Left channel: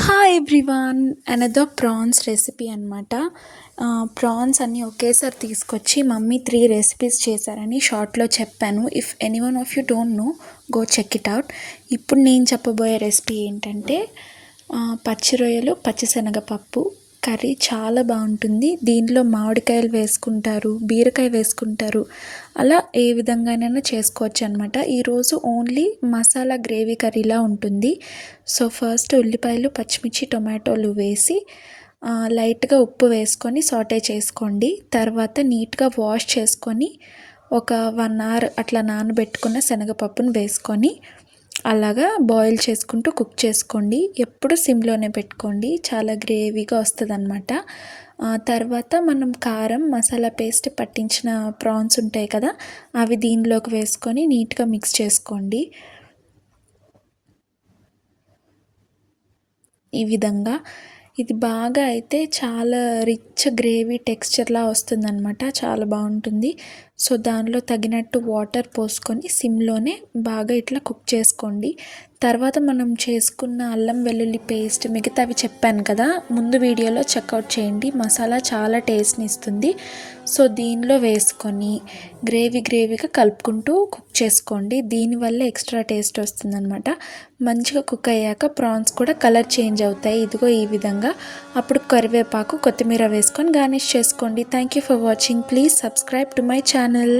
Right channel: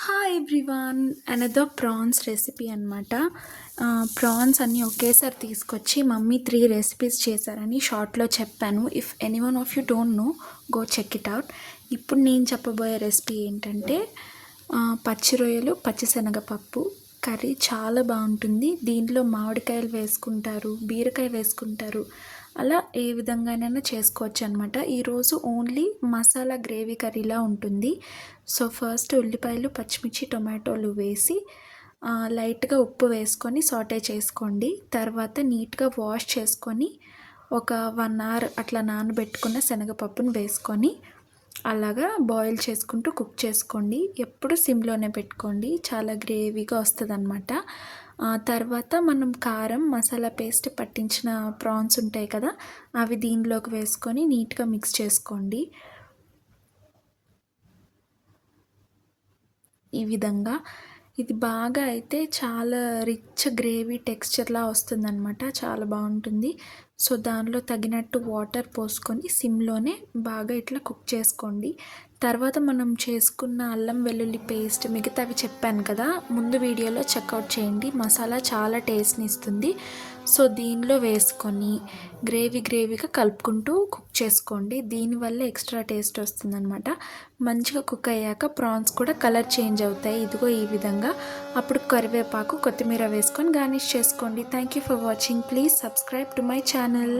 Hi everyone, another prawns recipe అనమాట. Prawns అన్నీ ఒకేసారి తీసుకొచ్చి మమ్మీ 3 రెసిపీస్ చేశారని షార్ట్లో చెప్పాను. If any one of you don't know, go check it out. ఇప్పుడు నేను చెప్పబోయే రెసిపీ ఏంటంటే పచ్చి రొయ్యలు, పచ్చిశనగపప్పు కర్రీ. చాలా బాగుంటుంది. దీనిలో మామిడికాయలు వేసుకుంటారు, బీరకాయ వేసుకుంటారు, అలా ఏ విధంగానైనా చేసుకోవచ్చు అనమాట. ఈరోజు ఓన్లీ మసాలా గ్రేవీ కర్రీలా ఉంటుంది. సో ఫస్ట్ ఉల్లిపాయలు, పచ్చిమిర్చి, టొమాటోలు వేసి లైట్గా ఉప్పు వేసుకొని సాటే చేసుకోండి. తర్వాత నీట్గా వాష్ చేసుకొని ఒక 1 అవర్ అట్లా నానబెట్టుకున్న శనగపప్పును వేసుకొని అలాగా బాయిల్ చేసుకుంటూ కుక్ చేసుకోండి. ఎప్పుడు సిమ్లోనే పెట్టుకోండి, చాలా గ్రేవీగా వస్తుంది అనమాట. తర్వాత మనం కారం, మసాలా పేస్ట్ పట్టించిన ప్రాన్స్ ఉంటాయి కదా, అవి దీనిలోకి వేసుకొని నీట్గా మిక్స్ చేసుకోండి. ఈ విధంగా ఇది బాగా అయితే చాలా రిచ్ గ్రేవీ టెక్స్చర్లా వస్తుందన్నమాట. చాలా బాగుంటుంది. సో దానిలో తగినట్టు వాటర్ పోసుకొని సిమ్లోనే బాగా ఇట్లా కుక్ చేసుకోండి. తర్వాత మనం చేసుకున్న అల్లం వెల్లుల్లి పేస్ట్, మిగతావి చెప్పాను కదా ముందు వీడియోలో, చెక్అవుట్ చేయండి. మసాలా చాలా టేస్ట్ని ఇస్తుంది. సో దీనిలో వేసుకొని గ్రేవీగా కలుపుకుంటూ కుక్ చేసుకోండి. దీనివల్ల ఎక్స్ట్రా టేస్ట్ వస్తుందన్నమాట. మంచిగా కుక్ అయ్యాక ప్రాన్స్ కూడా కలర్ చేంజ్ అవుతాయి, ఇదిగో ఈ విధంగా. అప్పుడు కరివేపాకు, కొత్తిమీర వేసుకొని గార్నిష్ చేసుకోండి. Thank you for watching. Please subscribe to my channel.